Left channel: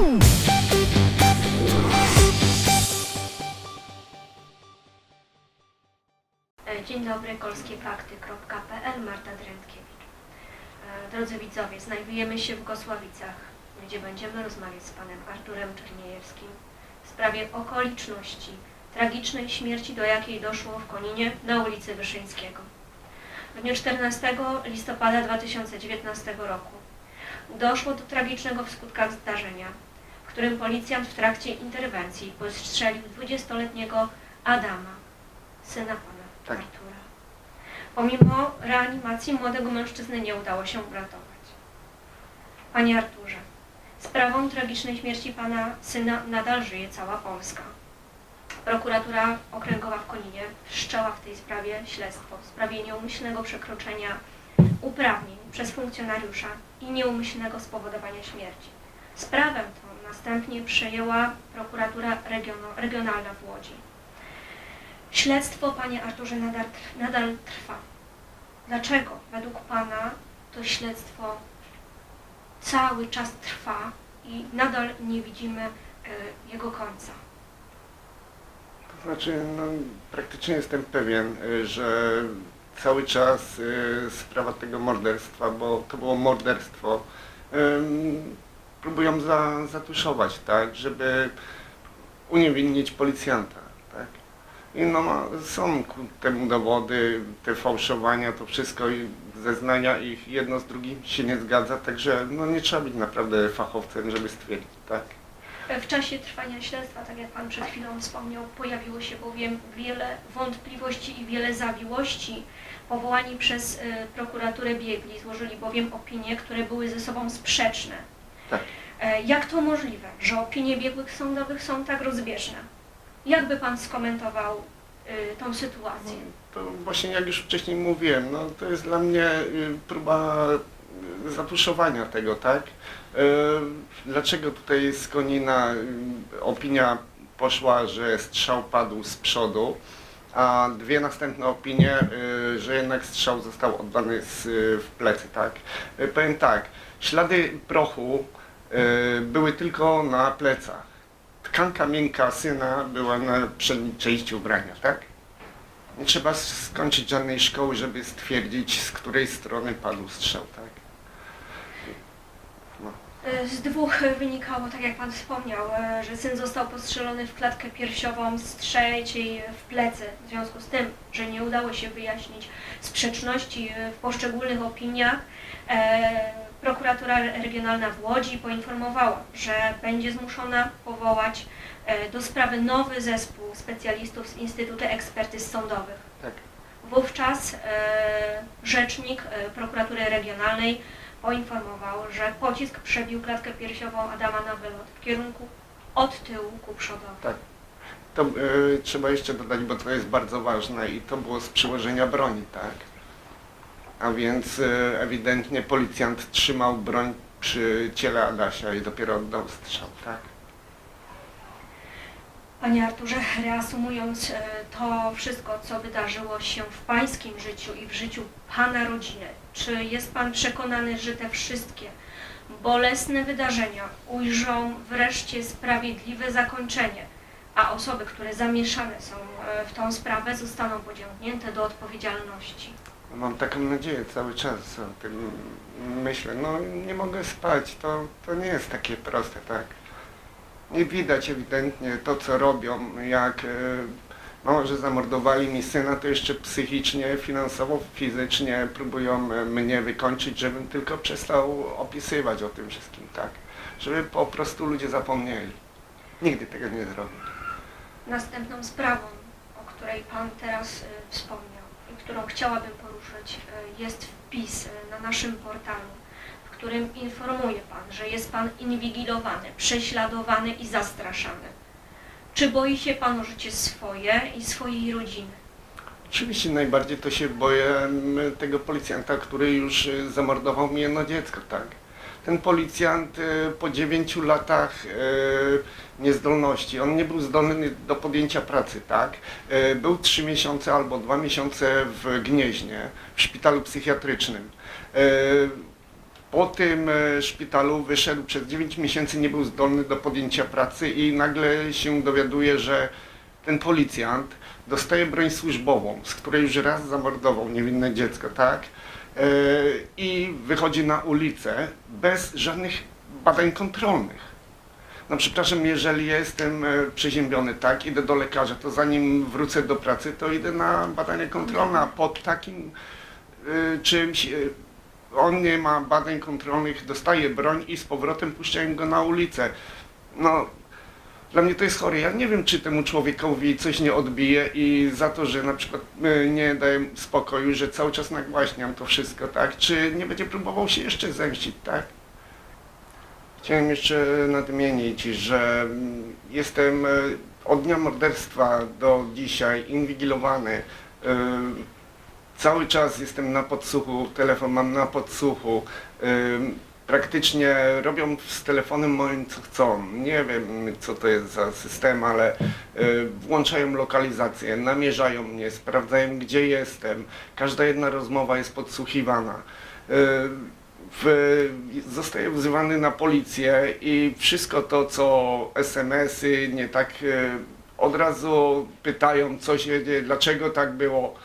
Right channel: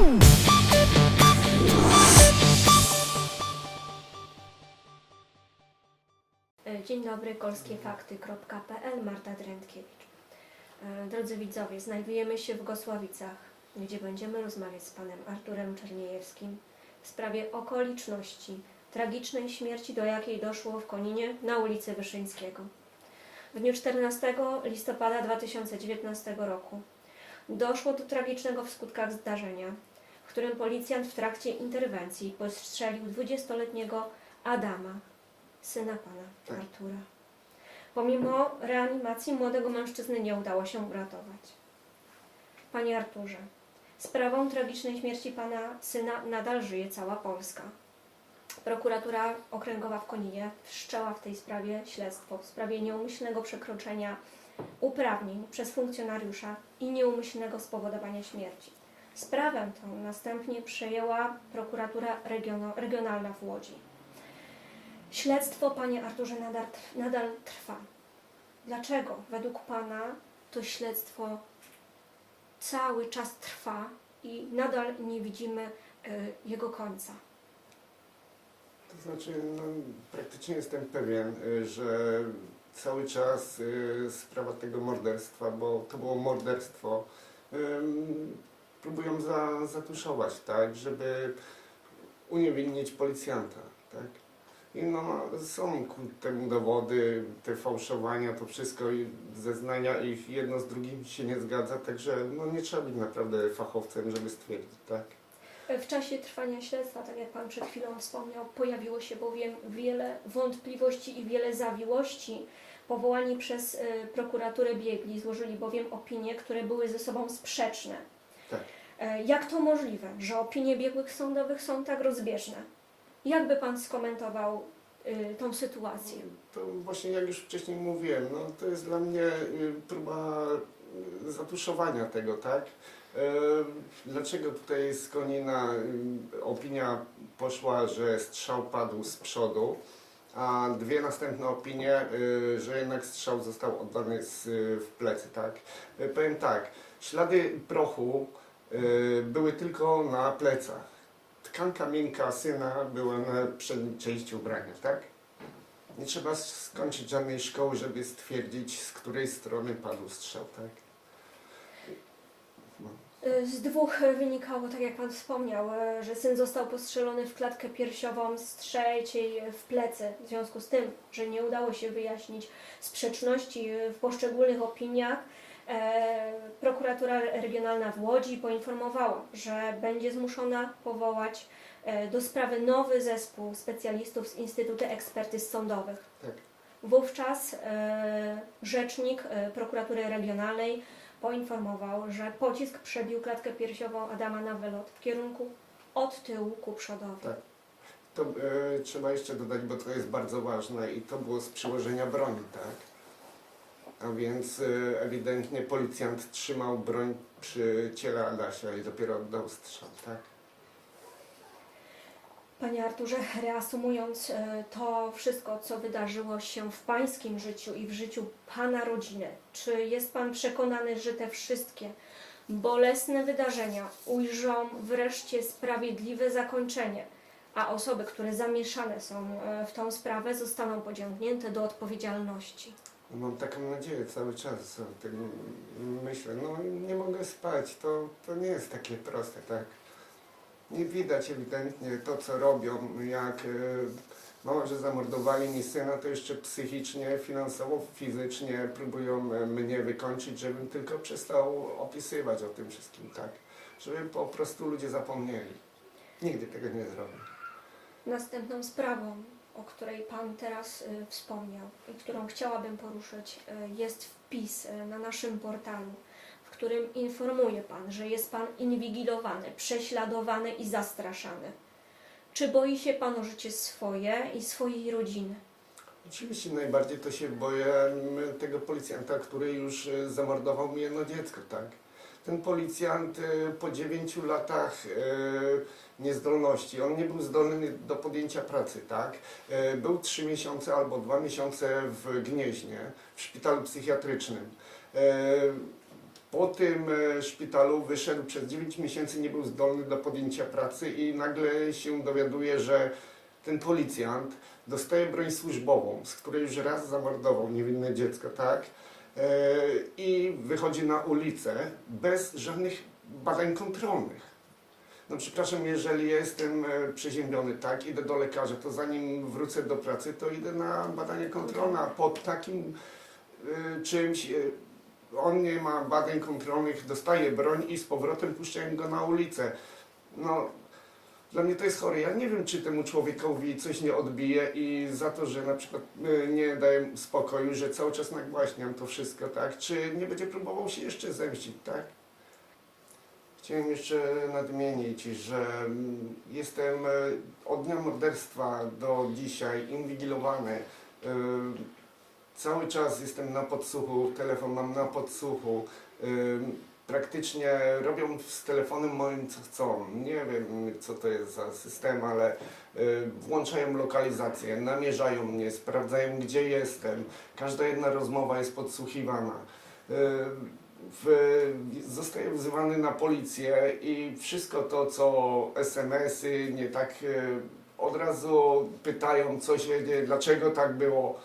E, Dzień dobry, polskiefakty.pl, Marta Drętkiewicz. E, Drodzy widzowie, znajdujemy się w Gosławicach, gdzie będziemy rozmawiać z panem Arturem Czerniejewskim w sprawie okoliczności tragicznej śmierci, do jakiej doszło w Koninie na ulicy Wyszyńskiego. W dniu 14 listopada 2019 roku doszło do tragicznego w skutkach zdarzenia, którym policjant w trakcie interwencji postrzelił 20-letniego Adama, syna pana Tak. Artura. Pomimo reanimacji młodego mężczyzny nie udało się uratować. Panie Arturze, sprawą tragicznej śmierci pana syna nadal żyje cała Polska. Prokuratura Okręgowa w Koninie wszczęła w tej sprawie śledztwo w sprawie nieumyślnego przekroczenia uprawnień przez funkcjonariusza i nieumyślnego spowodowania śmierci. Sprawę tą następnie przejęła prokuratura regionalna w Łodzi. Śledztwo, panie Arturze, nadal, nadal trwa. Dlaczego według pana to śledztwo cały czas trwa i nadal nie widzimy e, jego końca? To znaczy, no, praktycznie jestem pewien, y, że cały czas y, sprawa tego morderstwa, bo to było morderstwo, próbują za, zatuszować, tak, żeby uniewinnić policjanta, tak. I no, są ku temu dowody, te fałszowania, to wszystko i zeznania ich jedno z drugim się nie zgadza, także no, nie trzeba być naprawdę fachowcem, żeby stwierdzić, tak. W czasie trwania śledztwa, tak jak Pan przed chwilą wspomniał, pojawiło się bowiem wiele wątpliwości i wiele zawiłości. Powołani przez e, prokuraturę biegli złożyli bowiem opinie, które były ze sobą sprzeczne. Tak. E, Jak to możliwe, że opinie biegłych sądowych są tak rozbieżne? Jak by Pan skomentował e, tą sytuację? To właśnie jak już wcześniej mówiłem, no to jest dla mnie y, próba y, zatuszowania tego, tak? Y, Dlaczego tutaj z Konina y, opinia poszła, że strzał padł z przodu, a dwie następne opinie, y, że jednak strzał został oddany z, w plecy, tak? Y, Powiem tak, ślady prochu y, były tylko na plecach. Tkanka miękka syna była na przedniej części ubrania, tak? Nie trzeba skończyć żadnej szkoły, żeby stwierdzić, z której strony padł strzał, tak? Z dwóch wynikało, tak jak Pan wspomniał, e, że syn został postrzelony w klatkę piersiową, z trzeciej w plecy. W związku z tym, że nie udało się wyjaśnić sprzeczności w poszczególnych opiniach, e, prokuratura regionalna w Łodzi poinformowała, że będzie zmuszona powołać e, do sprawy nowy zespół specjalistów z Instytutu Ekspertyz Sądowych. Tak. Wówczas rzecznik prokuratury regionalnej poinformował, że pocisk przebił klatkę piersiową Adama na wylot w kierunku od tyłu ku przodowi. Tak. To y, trzeba jeszcze dodać, bo to jest bardzo ważne i to było z przyłożenia broni, tak? A więc y, ewidentnie policjant trzymał broń przy ciele Adasia i dopiero oddał strzał, tak? Panie Arturze, reasumując e, to wszystko, co wydarzyło się w Pańskim życiu i w życiu Pana rodziny, czy jest Pan przekonany, że te wszystkie bolesne wydarzenia ujrzą wreszcie sprawiedliwe zakończenie, a osoby, które zamieszane są e, w tą sprawę, zostaną pociągnięte do odpowiedzialności? Mam taką nadzieję cały czas o tym myślę. No nie mogę spać, to, to nie jest takie proste, tak? Nie widać ewidentnie to, co robią, jak y, mało, że zamordowali mi syna, to jeszcze psychicznie, finansowo, fizycznie próbują y, mnie wykończyć, żebym tylko przestał opisywać o tym wszystkim, tak? Żeby po prostu ludzie zapomnieli. Nigdy tego nie zrobię. Następną sprawą, o której Pan teraz y, wspomniał i którą chciałabym poruszyć, y, jest wpis y, na naszym portalu, którym informuje Pan, że jest Pan inwigilowany, prześladowany i zastraszany. Czy boi się Pan o życie swoje i swojej rodziny? Oczywiście najbardziej to się boję m, tego policjanta, który już y, zamordował mi jedno dziecko, tak? Ten policjant y, po dziewięciu latach y, niezdolności, on nie był zdolny do podjęcia pracy, tak? Był trzy miesiące albo dwa miesiące w Gnieźnie, w szpitalu psychiatrycznym. Po tym e, szpitalu wyszedł przez 9 miesięcy, nie był zdolny do podjęcia pracy i nagle się dowiaduje, że ten policjant dostaje broń służbową, z której już raz zamordował niewinne dziecko, tak? E, I wychodzi na ulicę bez żadnych badań kontrolnych. No przepraszam, jeżeli jestem e, przeziębiony, tak, idę do lekarza, to zanim wrócę do pracy, to idę na badanie kontrolne, a pod takim czymś on nie ma badań kontrolnych, dostaje broń i z powrotem puszczają go na ulicę. No, dla mnie to jest chore. Ja nie wiem, czy temu człowiekowi coś nie odbije i za to, że na przykład e, nie daję spokoju, że cały czas nagłaśniam to wszystko, tak? Czy nie będzie próbował się jeszcze zemścić, tak? Chciałem jeszcze nadmienić, że mm, jestem e, od dnia morderstwa do dzisiaj inwigilowany. Cały czas jestem na podsłuchu, telefon mam na podsłuchu. Praktycznie robią z telefonem moim co chcą. Nie wiem co to jest za system, ale y, włączają lokalizację, namierzają mnie, sprawdzają gdzie jestem. Każda jedna rozmowa jest podsłuchiwana. Y, w, zostaję wzywany na policję i wszystko to co SMS-y, nie tak y, od razu pytają co się dzieje, dlaczego tak było.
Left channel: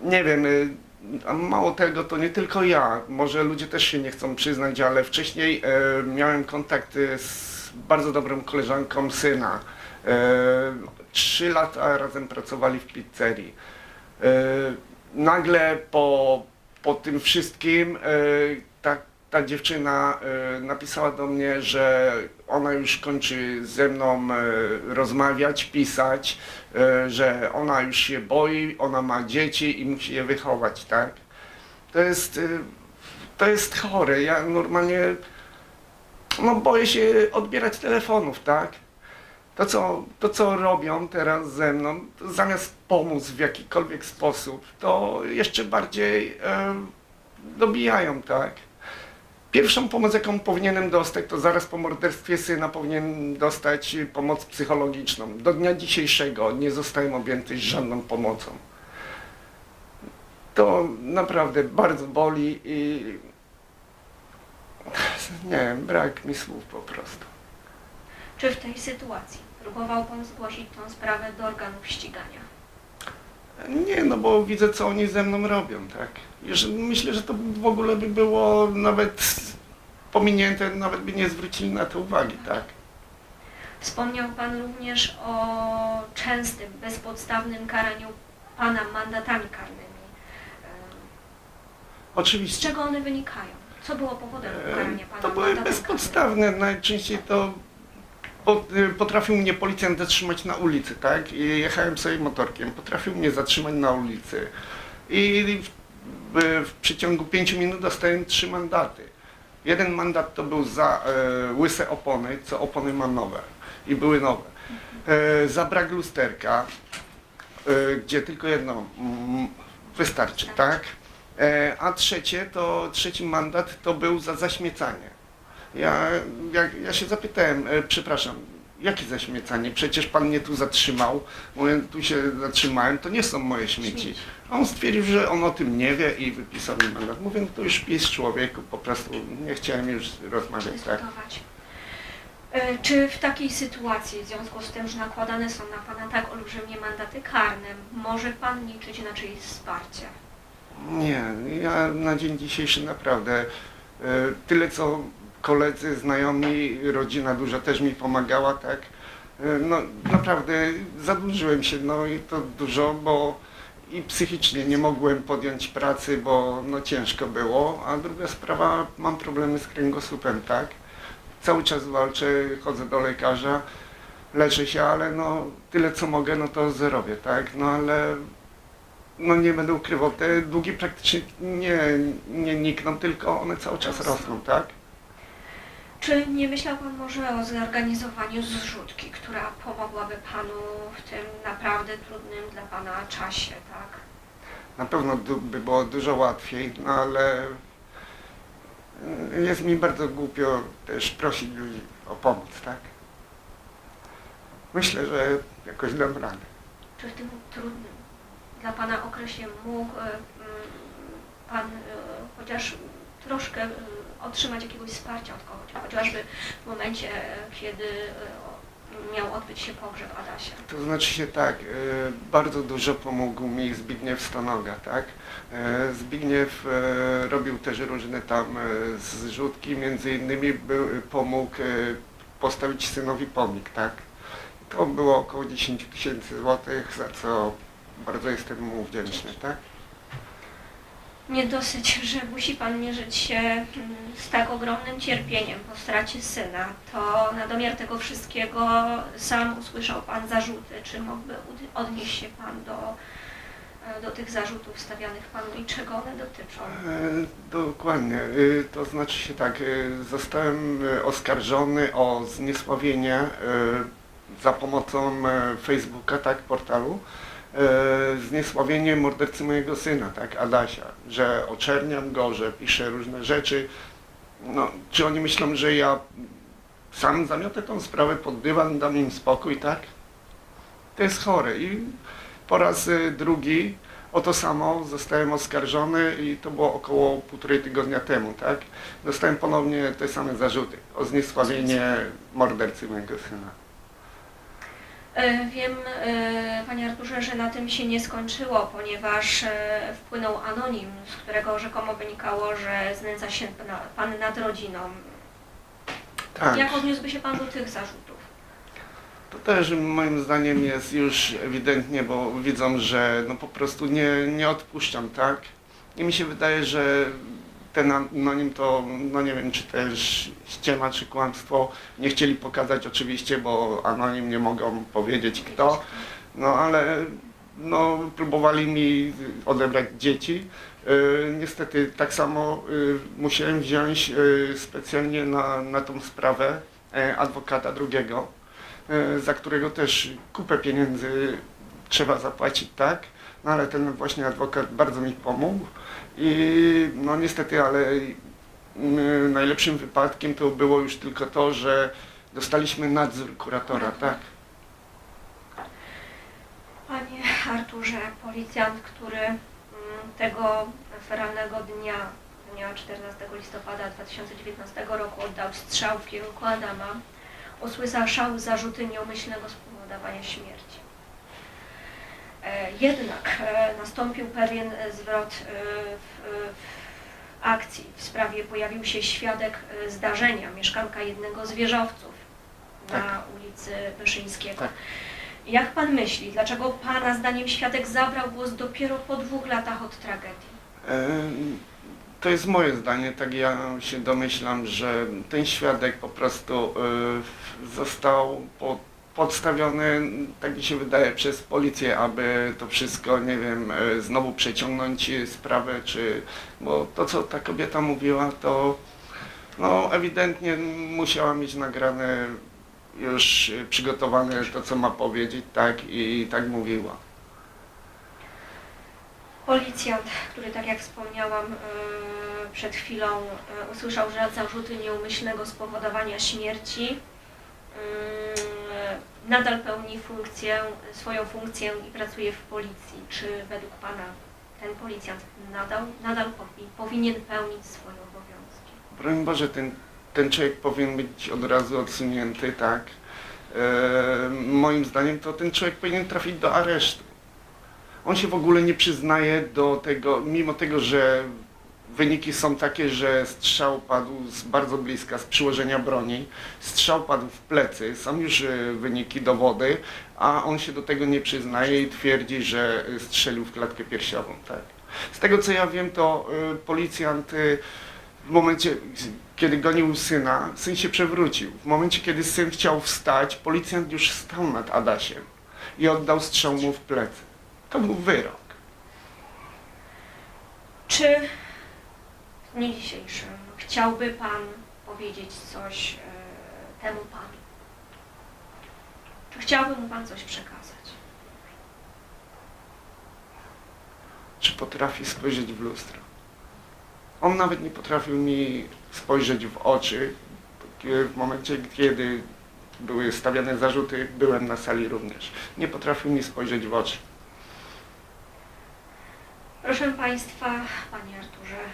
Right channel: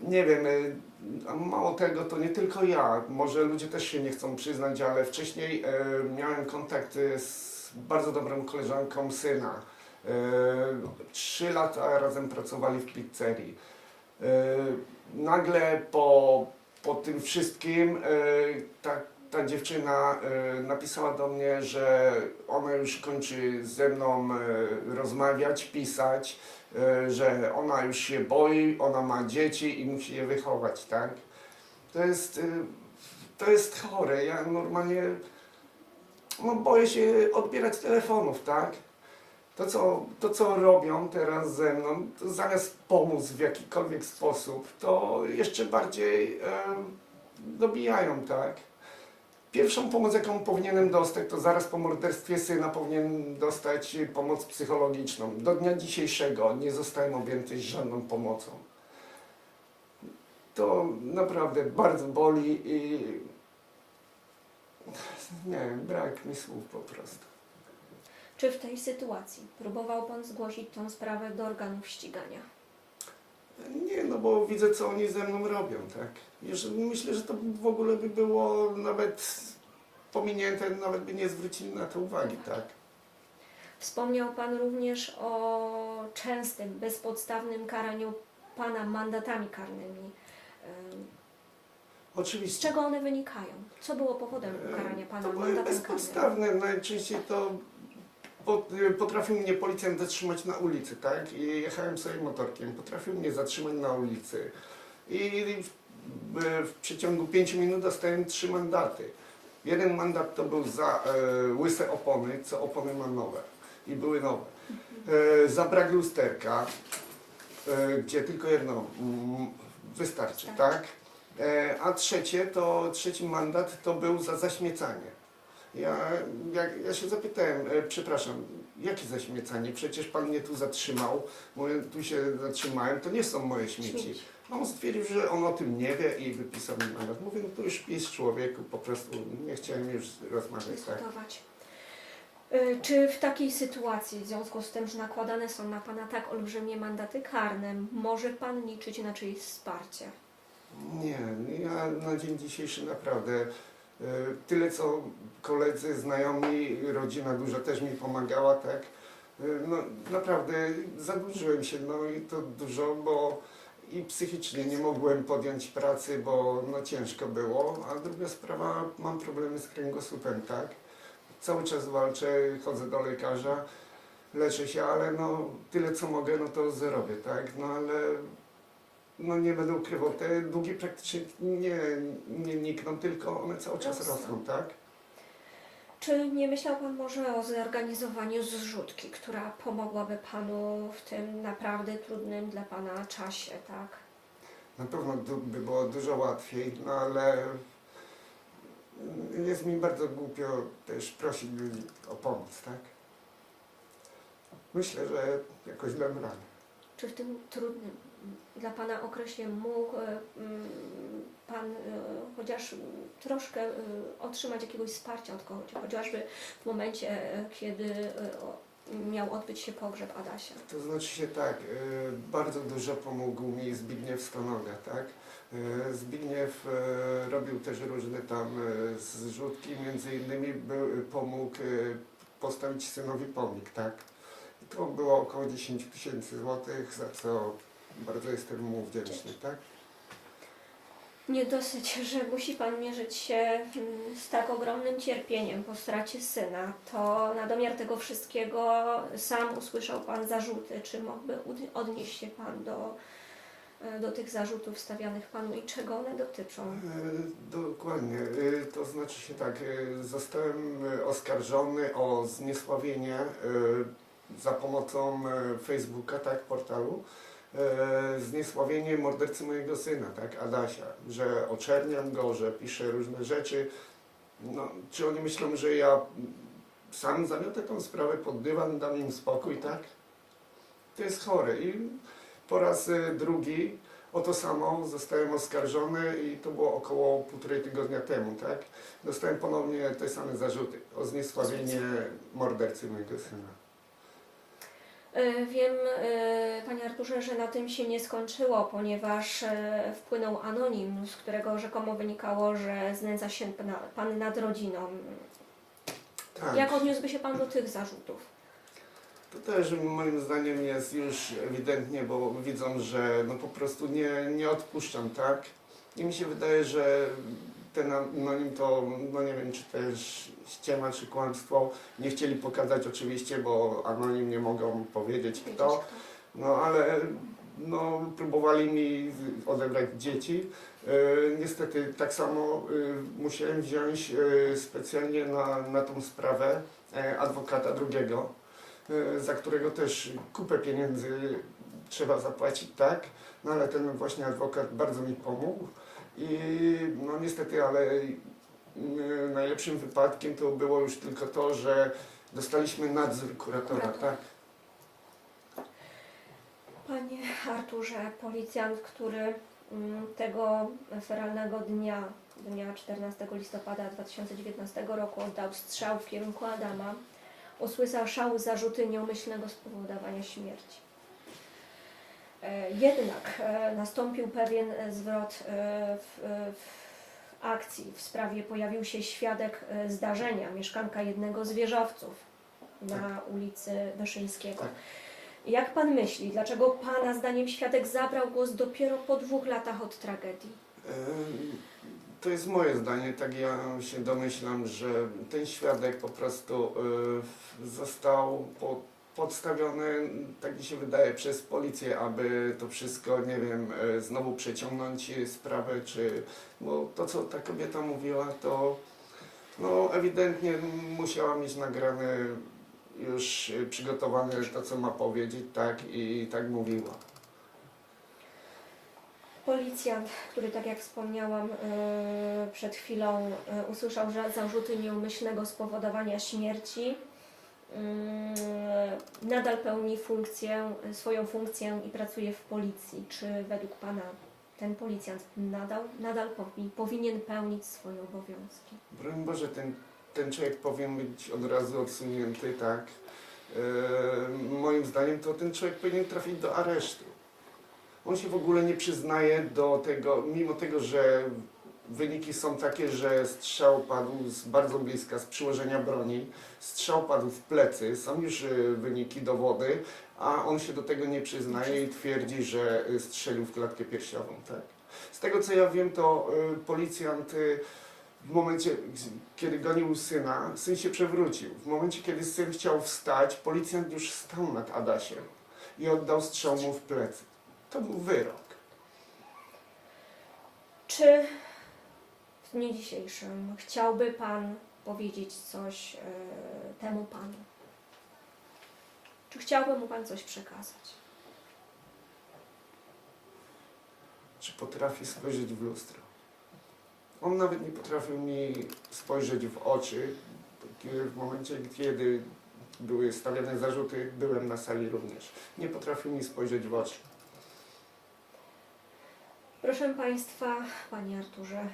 Nie wiem, y, a mało tego, to nie tylko ja, może ludzie też się nie chcą przyznać, ale wcześniej e, miałem kontakty z bardzo dobrą koleżanką syna. E, Trzy lata razem pracowali w pizzerii. E, nagle po, po tym wszystkim e, ta, ta dziewczyna e, napisała do mnie, że ona już kończy ze mną e, rozmawiać, pisać, e, że ona już się boi, ona ma dzieci i musi je wychować, tak? To jest, to jest chore. Ja normalnie no, boję się odbierać telefonów, tak? To co, to, co robią teraz ze mną, zamiast pomóc w jakikolwiek sposób, to jeszcze bardziej e, dobijają, tak? Pierwszą pomoc, jaką powinienem dostać, to zaraz po morderstwie syna powinien dostać pomoc psychologiczną. Do dnia dzisiejszego nie zostałem objęty żadną pomocą. To naprawdę bardzo boli i nie wiem, brak mi słów po prostu. Czy w tej sytuacji próbował Pan zgłosić tą sprawę do organów ścigania? Nie, no bo widzę, co oni ze mną robią, tak. Myślę, że to w ogóle by było nawet pominięte, nawet by nie zwrócili na to uwagi, tak. Wspomniał Pan również o częstym, bezpodstawnym karaniu Pana mandatami karnymi. Em, Z Oczywiście. czego one wynikają? Co było powodem karania Pana To były mandatem bezpodstawne, najczęściej to po- y, potrafił mnie policjant zatrzymać na ulicy, tak? I jechałem sobie motorkiem, potrafił mnie zatrzymać na ulicy. I w, przeciągu 5 minut dostałem trzy mandaty. Jeden mandat to był za e, łyse opony, co opony mam nowe i były nowe. E, za brak lusterka, e, gdzie tylko jedno mm, wystarczy, Tak. tak? E, a trzecie to, trzeci mandat to był za zaśmiecanie. Ja, ja, ja się zapytałem, e, przepraszam, jakie zaśmiecanie? Przecież pan mnie tu zatrzymał, mówię, tu się zatrzymałem, to nie są moje śmieci. A on stwierdził, że on o tym nie wie i wypisał mi mandat. Mówię, no to już pisz człowieku, po prostu nie chciałem już rozmawiać, tak? dyskutować. E, Czy w takiej sytuacji, w związku z tym, że nakładane są na Pana tak olbrzymie mandaty karne, może Pan liczyć na czyjeś wsparcie? Nie, ja na dzień dzisiejszy naprawdę e, tyle co koledzy, znajomi, rodzina duża też mi pomagała, tak? E, No naprawdę zadłużyłem się, no i to dużo, bo i psychicznie nie mogłem podjąć pracy, bo no ciężko było, a druga sprawa, mam problemy z kręgosłupem, tak? Cały czas walczę, chodzę do lekarza, leczę się, ale no tyle co mogę, no to zrobię, tak? No ale no nie będę ukrywał, te długi praktycznie nie, nie nikną, tylko one cały czas Rosną. tak? Czy nie myślał Pan może o zorganizowaniu zrzutki, która pomogłaby Panu w tym naprawdę trudnym dla Pana czasie, tak? Na pewno du- by było dużo łatwiej, no ale y, jest mi bardzo głupio też prosić ludzi o pomoc, tak? Myślę, że jakoś dam radę. Czy w tym trudnym dla Pana okresie mógł e, mm, Pan e, chociaż troszkę y, otrzymać jakiegoś wsparcia od kogoś, chociażby w momencie, kiedy y, miał odbyć się pogrzeb Adasia. To znaczy się tak, y, bardzo dużo pomógł mi Zbigniew Stonoga, tak? Zbigniew robił też różne tam zrzutki, między innymi był, pomógł postawić synowi pomnik, tak? To było około 10 tysięcy złotych, za co bardzo jestem mu wdzięczny, tak? Nie dosyć, że musi Pan mierzyć się mm, z tak ogromnym cierpieniem po stracie syna, to na domiar tego wszystkiego sam usłyszał Pan zarzuty. Czy mógłby odnieść się Pan do, e, do tych zarzutów stawianych Panu i czego one dotyczą? E, Dokładnie. Y, To znaczy się tak, zostałem oskarżony o zniesławienie za pomocą Facebooka, tak, portalu, zniesławienie mordercy mojego syna, tak, Adasia, że oczerniam go, że piszę różne rzeczy. No, czy oni myślą, że ja sam zamiotę tą sprawę pod dywan, dam im spokój, tak? To jest chore i po raz y, drugi o to samo zostałem oskarżony i to było około półtorej tygodnia temu, tak? Dostałem ponownie te same zarzuty o zniesławienie mordercy mojego syna. E, Wiem, e, Panie Arturze, że na tym się nie skończyło, ponieważ e, wpłynął anonim, z którego rzekomo wynikało, że znęca się Pan nad rodziną. Tak, Jak odniósłby się Pan do tych zarzutów? to też moim zdaniem jest już ewidentnie, bo widzą, że no po prostu nie, nie odpuszczam, tak? I mi się wydaje, że ten anonim to, no nie wiem, czy też ściema, czy kłamstwo. Nie chcieli pokazać oczywiście, bo anonim nie mogą powiedzieć kto. No ale no, próbowali mi odebrać dzieci. Yy, niestety tak samo yy, musiałem wziąć yy, specjalnie na, na tą sprawę yy, adwokata drugiego, yy, za którego też kupę pieniędzy trzeba zapłacić, tak? No ale ten właśnie adwokat bardzo mi pomógł i no niestety, ale yy, najlepszym wypadkiem to było już tylko to, że dostaliśmy nadzór kuratora, tak? Panie Arturze, policjant, który mm, tego feralnego dnia, dnia 14 listopada 2019 roku oddał strzał w kierunku Adama, usłyszał zarzuty nieumyślnego spowodowania śmierci. E, Jednak e, nastąpił pewien e, zwrot w, akcji. W sprawie pojawił się świadek zdarzenia, mieszkanka jednego z wieżowców na ulicy Wyszyńskiego. Tak. Jak pan myśli, dlaczego pana zdaniem świadek zabrał głos dopiero po dwóch latach od tragedii? To jest moje zdanie, tak ja się domyślam, że ten świadek po prostu został po, podstawiony, tak mi się wydaje, przez policję, aby to wszystko, nie wiem, y, znowu przeciągnąć sprawę, czy, bo to co ta kobieta mówiła, to no ewidentnie musiała mieć nagrane już y, przygotowane to, co ma powiedzieć, tak, i tak mówiła. Policjant, który tak jak wspomniałam e, przed chwilą, e, usłyszał że zarzuty nieumyślnego spowodowania śmierci, nadal pełni funkcję, swoją funkcję i pracuje w policji. Czy według pana ten policjant nadal, nadal powi- powinien pełnić swoje obowiązki? Broń Boże, ten, ten człowiek powinien być od razu odsunięty, tak? E, moim zdaniem to ten człowiek powinien trafić do aresztu. On się w ogóle nie przyznaje do tego, mimo tego, że wyniki są takie, że strzał padł z bardzo bliska, z przyłożenia broni, strzał padł w plecy, są już e, wyniki, dowody, a on się do tego nie przyznaje i twierdzi, że e, strzelił w klatkę piersiową, tak? Z tego co ja wiem, to e, policjant w momencie, kiedy gonił syna, syn się przewrócił. W momencie, kiedy syn chciał wstać, policjant już stał nad Adasiem i oddał strzał mu w plecy. To był wyrok. Czy dniu dzisiejszym chciałby Pan powiedzieć coś e, temu Panu? Czy chciałby mu Pan coś przekazać? Czy potrafi spojrzeć w lustro? On nawet nie potrafił mi spojrzeć w oczy. W momencie, kiedy były stawiane zarzuty, byłem na sali również. Nie potrafił mi spojrzeć w oczy. Proszę Państwa, Panie Arturze,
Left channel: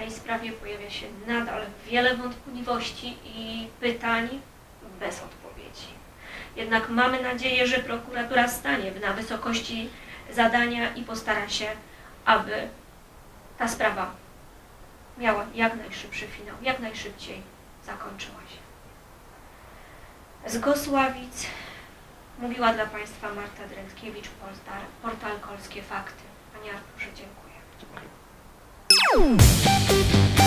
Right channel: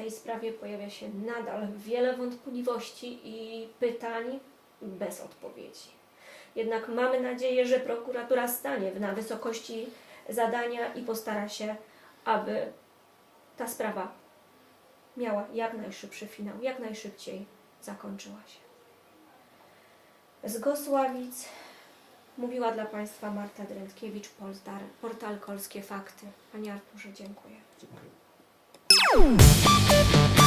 tej sprawie pojawia się nadal wiele wątpliwości i pytań bez odpowiedzi. Jednak mamy nadzieję, że prokuratura stanie na wysokości zadania i postara się, aby ta sprawa miała jak najszybszy finał, jak najszybciej zakończyła się. Z Gosławic mówiła dla Państwa Marta Drętkiewicz, portal, portal Kolskie Fakty. Panie Arturze, dziękuję. Dziękuję. Música